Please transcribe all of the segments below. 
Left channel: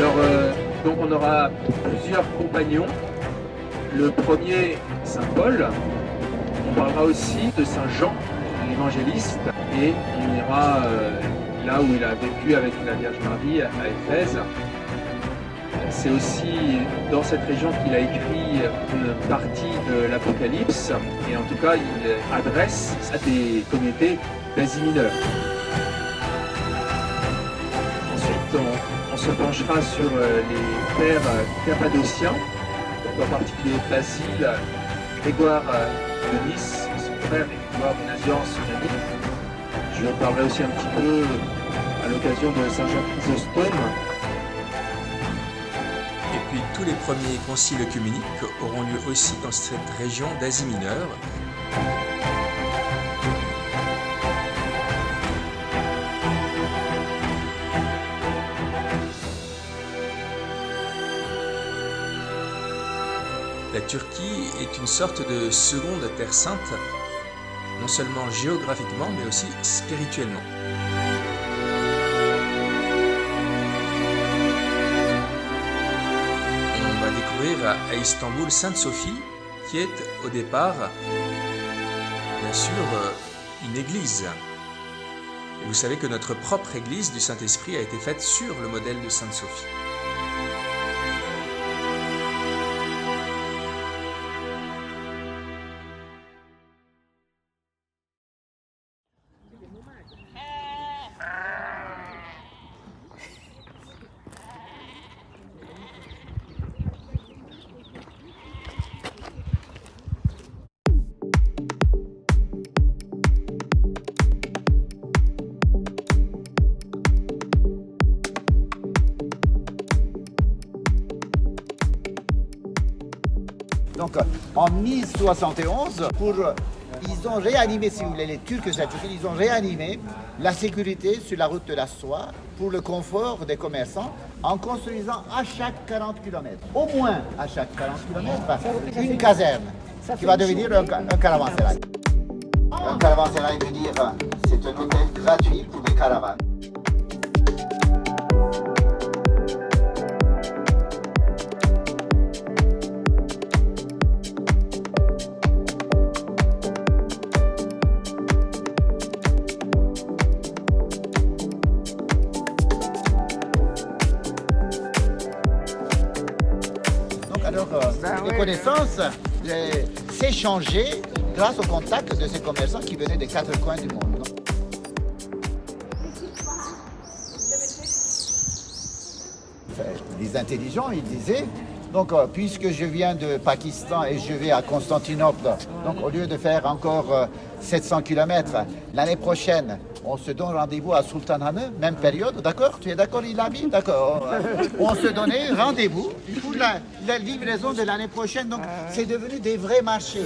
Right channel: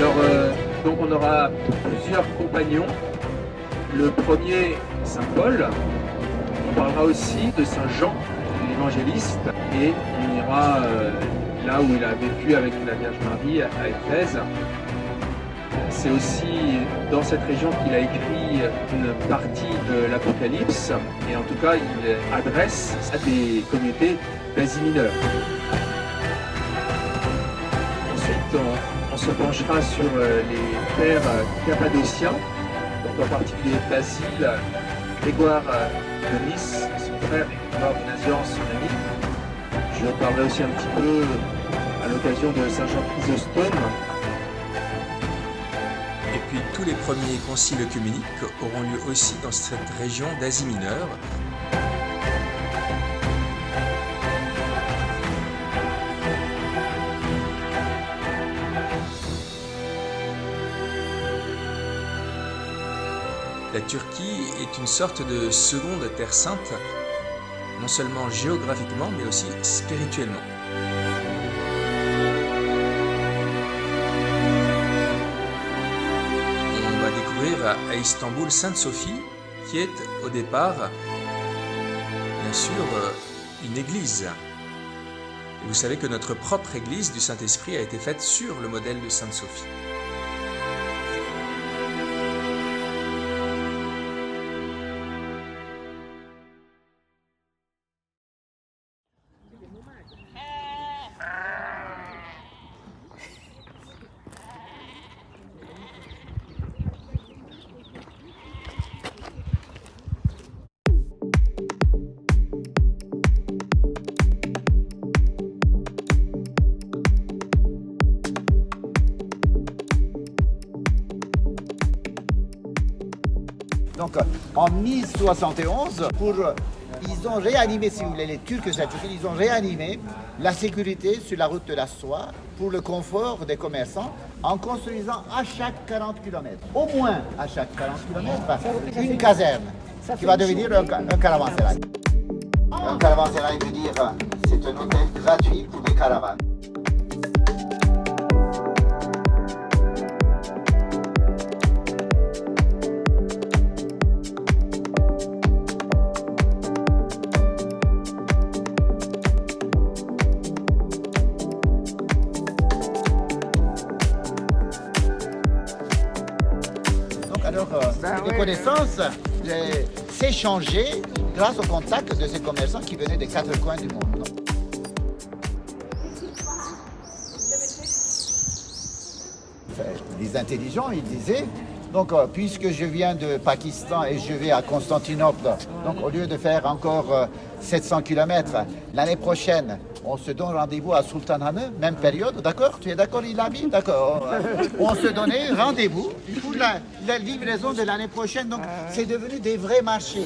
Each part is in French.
Alors, donc on aura plusieurs compagnons. Le premier, Saint Paul. On parlera aussi de Saint Jean, l'évangéliste, et on ira là où il a vécu avec la Vierge Marie à Éphèse. C'est aussi dans cette région qu'il a écrit une partie de l'Apocalypse, et en tout cas il adresse à des communautés d'Asie mineure. Ensuite, on se penchera sur les pères cappadociens, donc en particulier Basile, Grégoire de Nice, son frère, et Grégoire de Nazianze, son ami. Je parlerai aussi un petit peu à l'occasion de Saint Jean Chrysostome. Et puis tous les premiers conciles œcuméniques auront lieu aussi dans cette région d'Asie mineure. La Turquie est une sorte de seconde terre sainte, non seulement géographiquement, mais aussi spirituellement. On va découvrir à Istanbul Sainte Sophie, qui est au départ, bien sûr, une église. Et vous savez que notre propre église du Saint-Esprit a été faite sur le modèle de Sainte Sophie. Donc en 1071, ils ont réanimé, si vous voulez, les Turcs de cette Turquie, ils ont réanimé la sécurité sur la route de la soie pour le confort des commerçants en construisant à chaque 40 km, au moins à chaque 40 km, une caserne qui va devenir un caravansérail. Un caravansérail veut dire c'est un hôtel gratuit pour des caravanes. Alors, les connaissances s'échangeaient grâce au contact de ces commerçants qui venaient des quatre coins du monde. Les intelligents, ils disaient, donc puisque je viens de Pakistan et je vais à Constantinople, donc au lieu de faire encore 700 km, l'année prochaine, on se donne rendez-vous à Sultanahmet, même période, d'accord? Tu es d'accord, Ilabi? D'accord. On se donnait rendez-vous pour la livraison de l'année prochaine. Donc, c'est devenu des vrais marchés.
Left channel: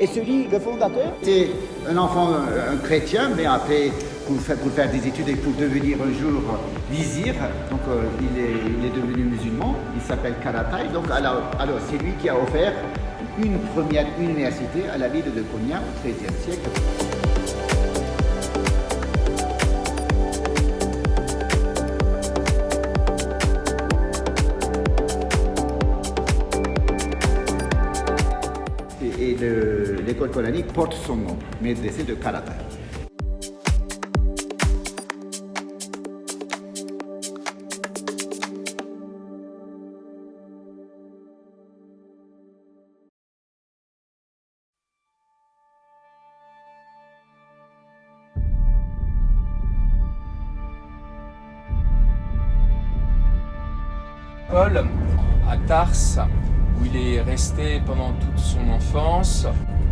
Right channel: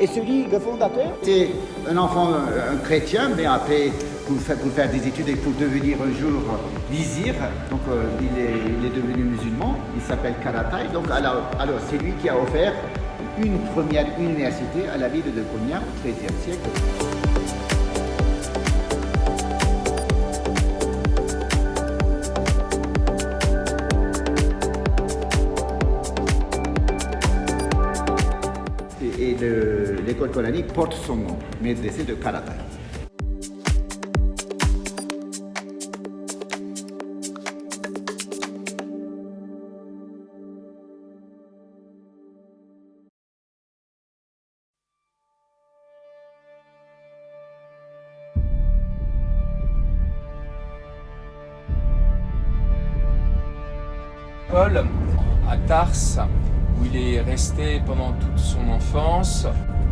Et le fondateur, c'est un enfant, un chrétien, mais après, pour faire des études et pour devenir un jour vizir, donc il est devenu musulman, il s'appelle Karatay. Donc alors c'est lui qui a offert une première université à la ville de Konya au XIIIe siècle. Et l'école coranique porte son nom, Medrese de Karatay. Paul, à Tarse, où il est resté pendant toute son enfance,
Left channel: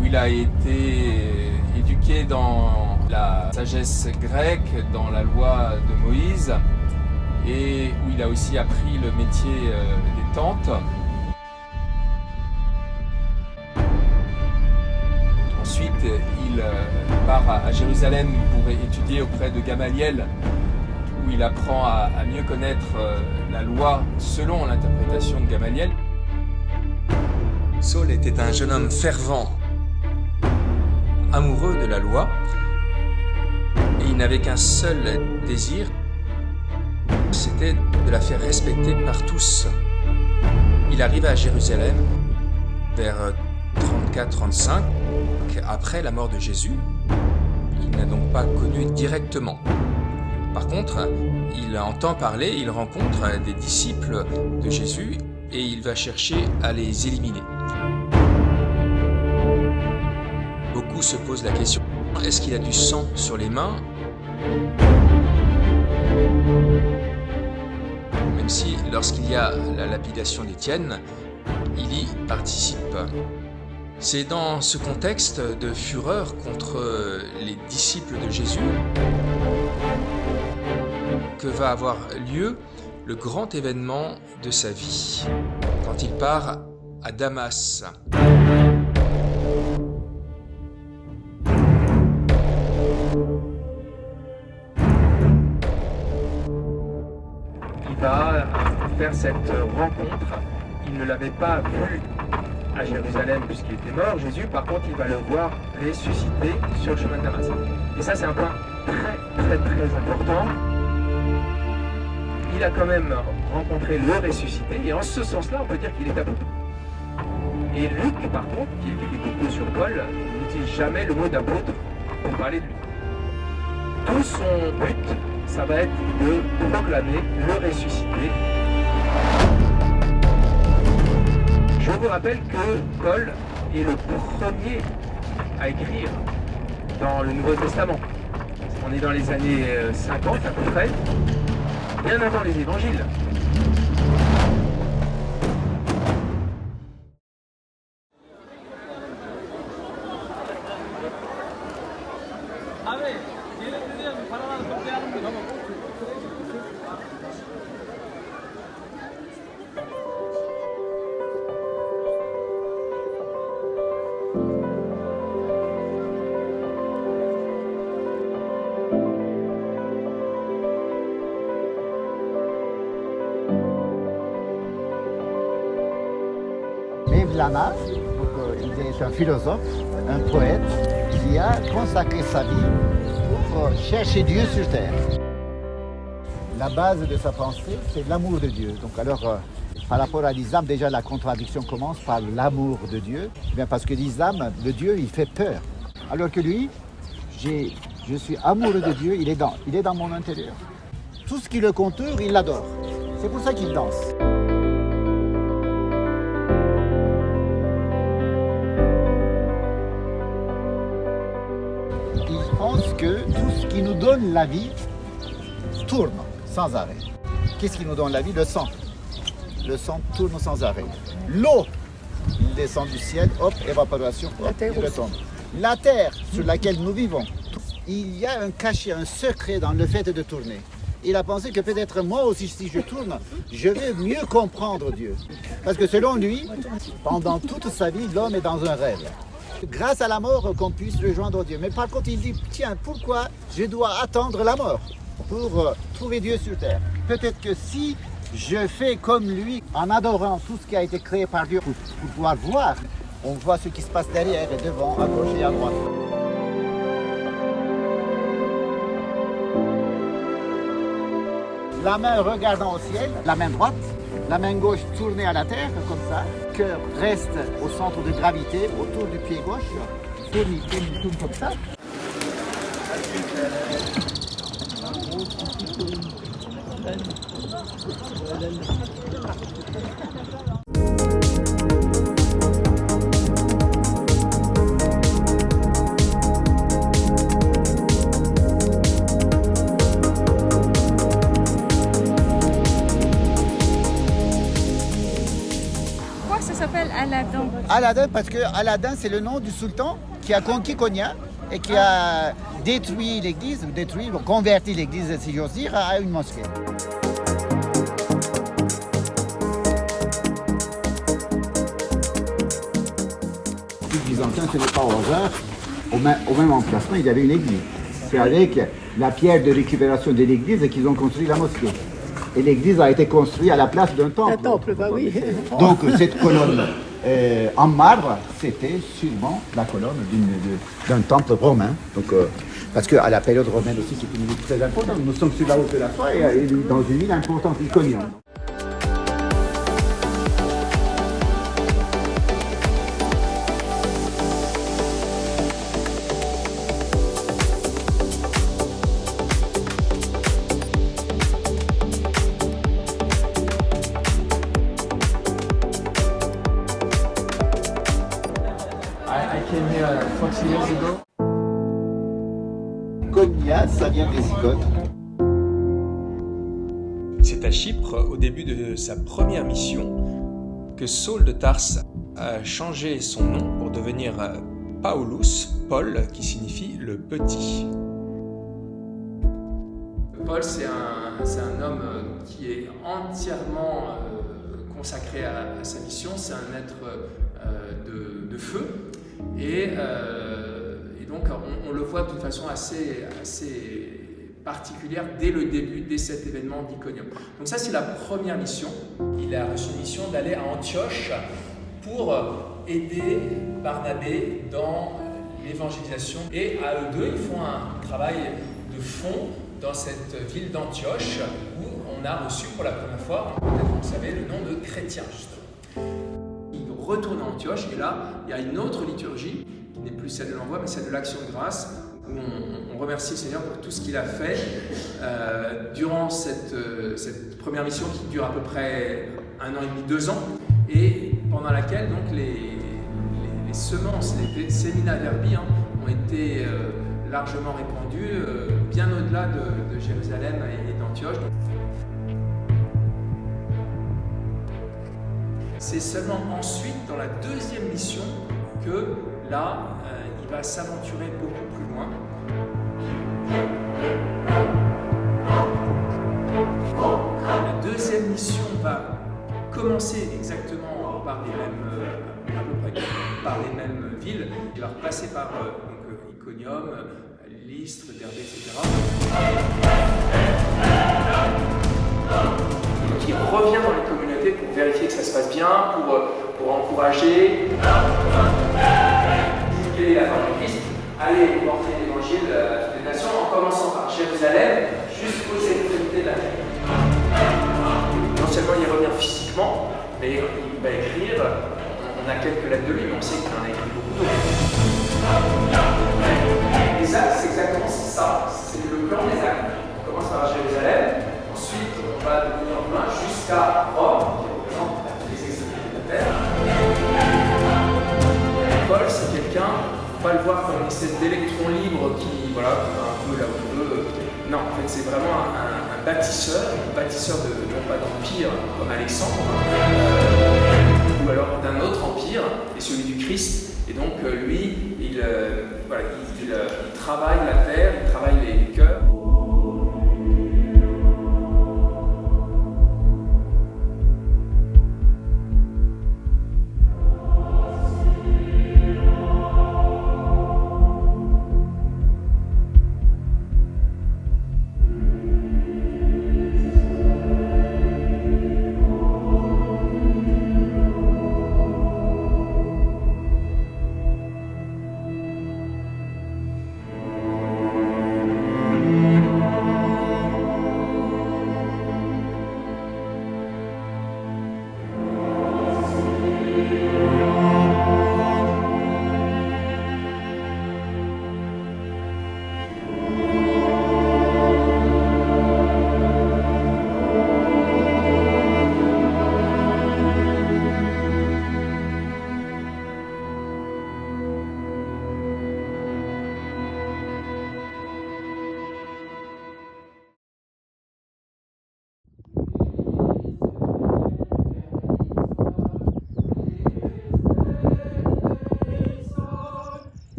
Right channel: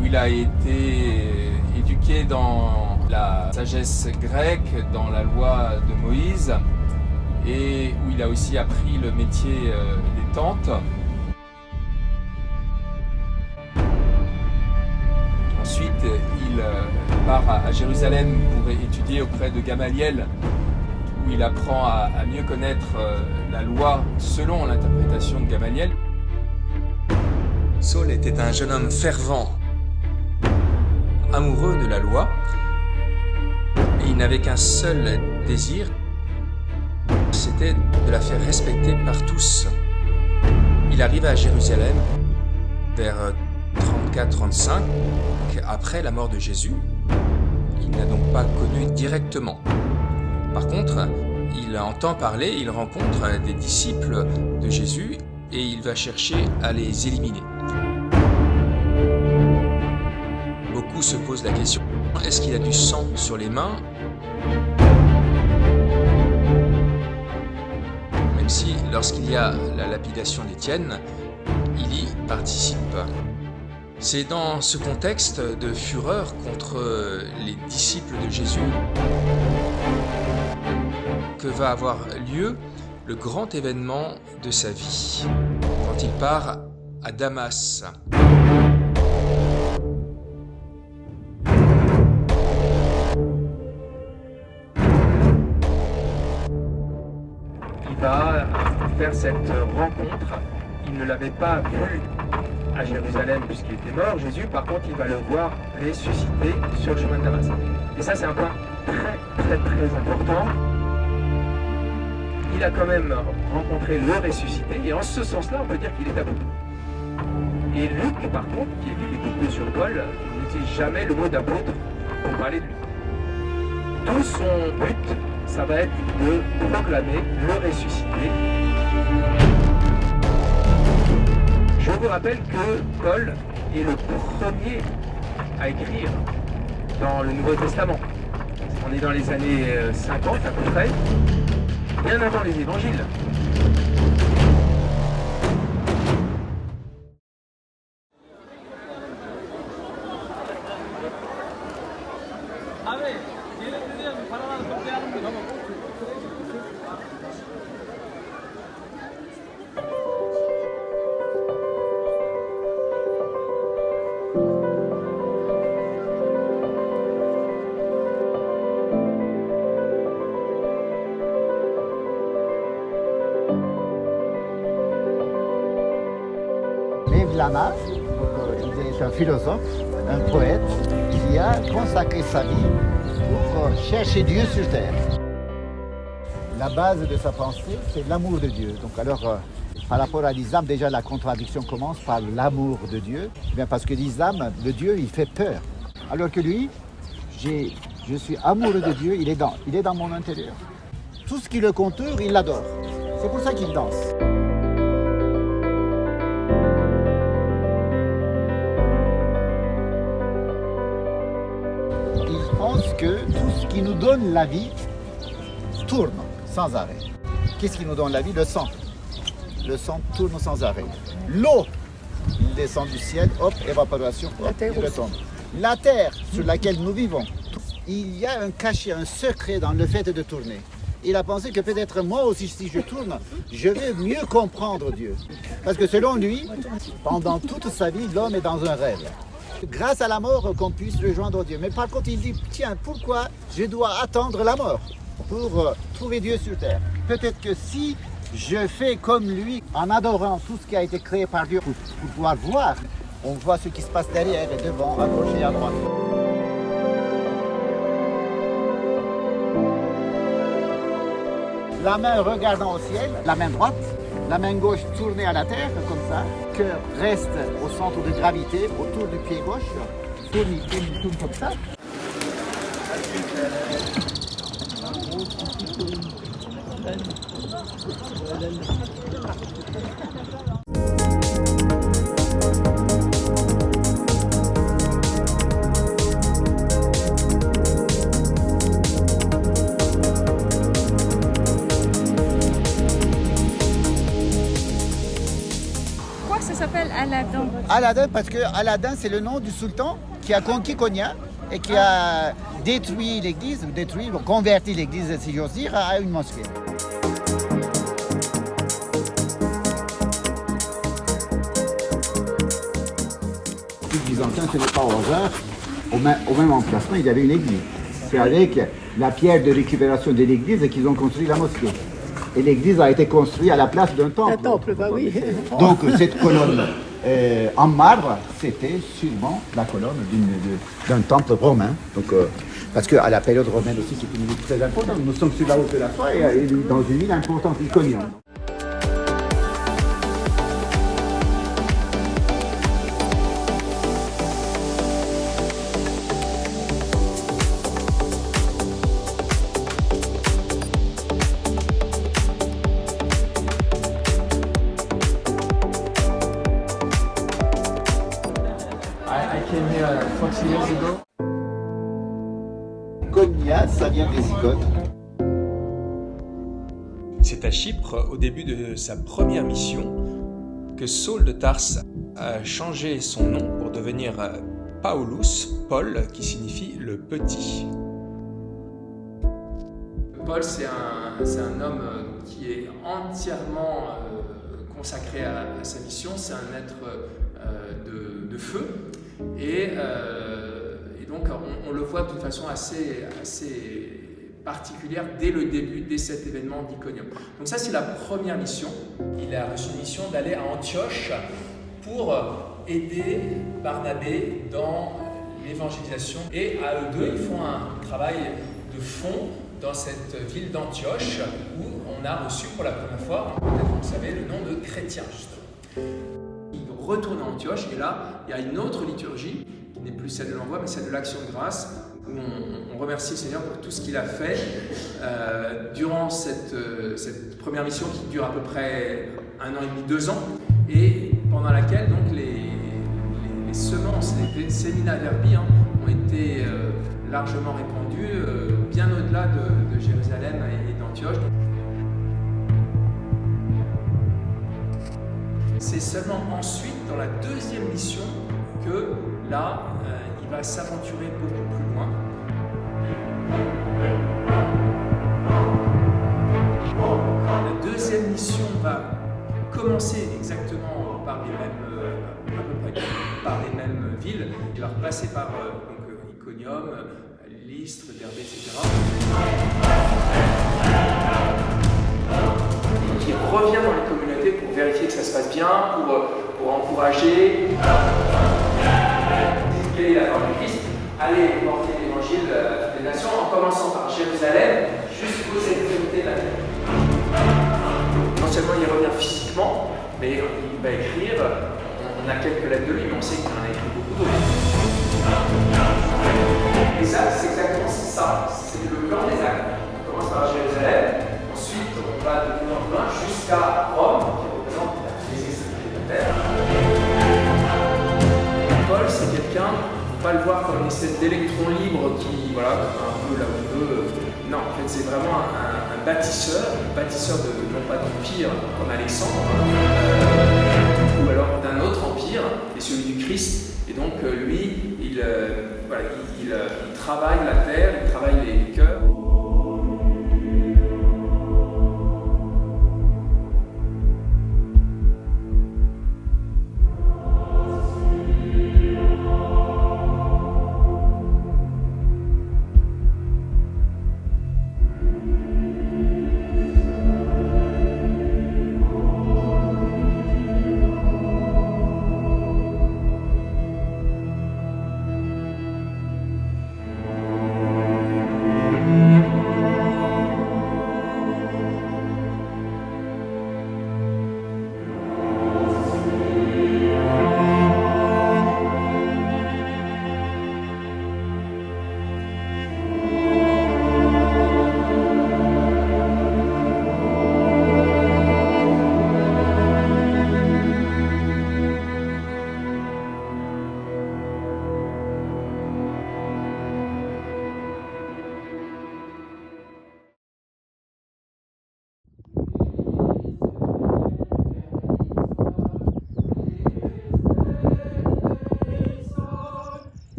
où il a été éduqué dans la sagesse grecque, dans la loi de Moïse, et où il a aussi appris le métier des tentes. Ensuite, il part à Jérusalem pour étudier auprès de Gamaliel, où où il apprend à mieux connaître la loi selon l'interprétation de Gamaliel. Saul était un jeune homme fervent, amoureux de la loi, et il n'avait qu'un seul désir, c'était de la faire respecter par tous. Il arrive à Jérusalem vers 34-35, après la mort de Jésus. Il n'a donc pas connu directement. Par contre, il entend parler, il rencontre des disciples de Jésus et il va chercher à les éliminer. Beaucoup se posent la question, est-ce qu'il a du sang sur les mains? Même si, lorsqu'il y a la lapidation d'Étienne, il y participe. C'est dans ce contexte de fureur contre les disciples de Jésus que va avoir lieu le grand événement de sa vie, quand il part à Damas. Il va faire cette rencontre. Il ne l'avait pas vu à Jérusalem puisqu'il était mort, Jésus. Par contre, il va le voir ressuscité sur le chemin de Damas. Et ça, c'est un point très important. Il a quand même rencontré le ressuscité, et en ce sens-là, on peut dire qu'il est apôtre. Et Luc, par contre, qui écrit beaucoup sur Paul, n'utilise jamais le mot d'apôtre pour parler de lui. Tout son but, ça va être de proclamer le ressuscité. Je vous rappelle que Paul est le premier à écrire dans le Nouveau Testament. On est dans les années 50 à peu près, bien avant les évangiles. Lama, il est un philosophe, un poète qui a consacré sa vie pour chercher Dieu sur terre. La base de sa pensée, c'est l'amour de Dieu. Donc alors, par rapport à l'islam, déjà la contradiction commence par l'amour de Dieu. Bien parce que l'islam, le Dieu, il fait peur. Alors que lui, je suis amoureux de Dieu, il est dans mon intérieur. Tout ce qui le contourne, il l'adore. C'est pour ça qu'il danse. Il pense que tout ce qui nous donne la vie tourne sans arrêt. Qu'est-ce qui nous donne la vie? Le sang. Le sang tourne sans arrêt. L'eau, il descend du ciel, hop, évaporation, hop, il retombe. La terre sur laquelle nous vivons, il y a un cachet, un secret dans le fait de tourner. Il a pensé que peut-être moi aussi, si je tourne, je vais mieux comprendre Dieu. Parce que selon lui, pendant toute sa vie, l'homme est dans un rêve. Grâce à la mort qu'on puisse rejoindre Dieu. Mais par contre, il dit, tiens, pourquoi je dois attendre la mort pour trouver Dieu sur terre? Peut-être que si je fais comme lui, en adorant tout ce qui a été créé par Dieu, pour pouvoir voir, on voit ce qui se passe derrière et devant, à gauche et à droite. La main regardant au ciel, la main droite, la main gauche tournée à la terre, comme ça. Le cœur reste au centre de gravité, autour du pied gauche. Il tourne comme ça. Ça s'appelle Aladdin. Aladdin, parce que Aladdin, c'est le nom du sultan qui a conquis Konya et qui a détruit l'église, converti l'église, si j'ose dire, à une mosquée. Les Byzantins, ce n'est pas au hasard. Au même emplacement, il y avait une église. C'est avec la pierre de récupération de l'église et qu'ils ont construit la mosquée. Et l'église a été construite à la place d'un temple. Un temple, bah oui. Donc cette colonne en marbre, c'était sûrement la colonne d'un temple romain. Donc, parce qu'à la période romaine aussi, c'est une ville très importante. Nous sommes sur la route de la soie et dans une ville importante, Iconium. I came here 40 years ago. Konya, ça vient des Zigotes. C'est à Chypre, au début de sa première mission, que Saul de Tarse a changé son nom pour devenir Paulus, Paul, qui signifie le petit. Paul, c'est un homme qui est entièrement consacré à sa mission. C'est un être de feu. Et donc, on le voit d'une façon assez particulière dès le début, dès cet événement d'Iconium. Donc ça, c'est la première mission. Il a reçu une mission d'aller à Antioche pour aider Barnabé dans l'évangélisation. Et à eux deux, ils font un travail de fond dans cette ville d'Antioche où on a reçu pour la première fois, peut-être vous le savez, le nom de chrétien, justement. Il retourne à Antioche et là, il y a une autre liturgie qui n'est plus celle de l'envoi, mais celle de l'action de grâce, où on remercie le Seigneur pour tout ce qu'il a fait durant cette première mission qui dure à peu près 1 an et demi, 2 ans, et pendant laquelle donc les semences, les semina verbi ont été largement répandues bien au-delà de Jérusalem et d'Antioche. C'est seulement ensuite, dans la deuxième mission, que là, il va s'aventurer beaucoup plus loin. La deuxième mission va commencer exactement par les mêmes, à peu près par les mêmes villes. Il va repasser par Iconium, Lystre, Derbé, etc. Donc il revient dans les communautés pour vérifier que ça se passe bien, pour encourager. Quelle est la parole du Christ? Allez porter l'évangile à toutes les nations, en commençant par Jérusalem jusqu'aux extrémités de la terre. Non seulement il revient physiquement, mais il va écrire. On a quelques lettres de lui, mais on sait qu'il en a écrit beaucoup d'autres. Les actes, c'est exactement ça. C'est le plan des actes. On commence par Jérusalem, ensuite on va de plus en plus loin jusqu'à Rome, qui représente les extrémités de la terre. Paul, c'est quelqu'un, il ne faut pas le voir comme une espèce d'électron libre qui va un peu là où il veut. Non, en fait, c'est vraiment un bâtisseur non pas d'empire comme Alexandre, ou alors d'un autre empire, et celui du Christ. Et donc, lui, il travaille la terre, il travaille les cœurs.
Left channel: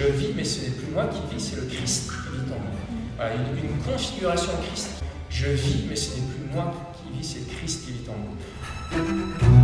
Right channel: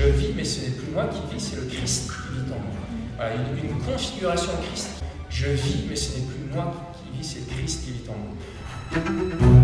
Je vis, mais ce n'est plus moi qui vis, c'est le Christ qui vit en moi. Voilà, une configuration Christ. Je vis, mais ce n'est plus moi qui vis, c'est Christ qui vit en moi.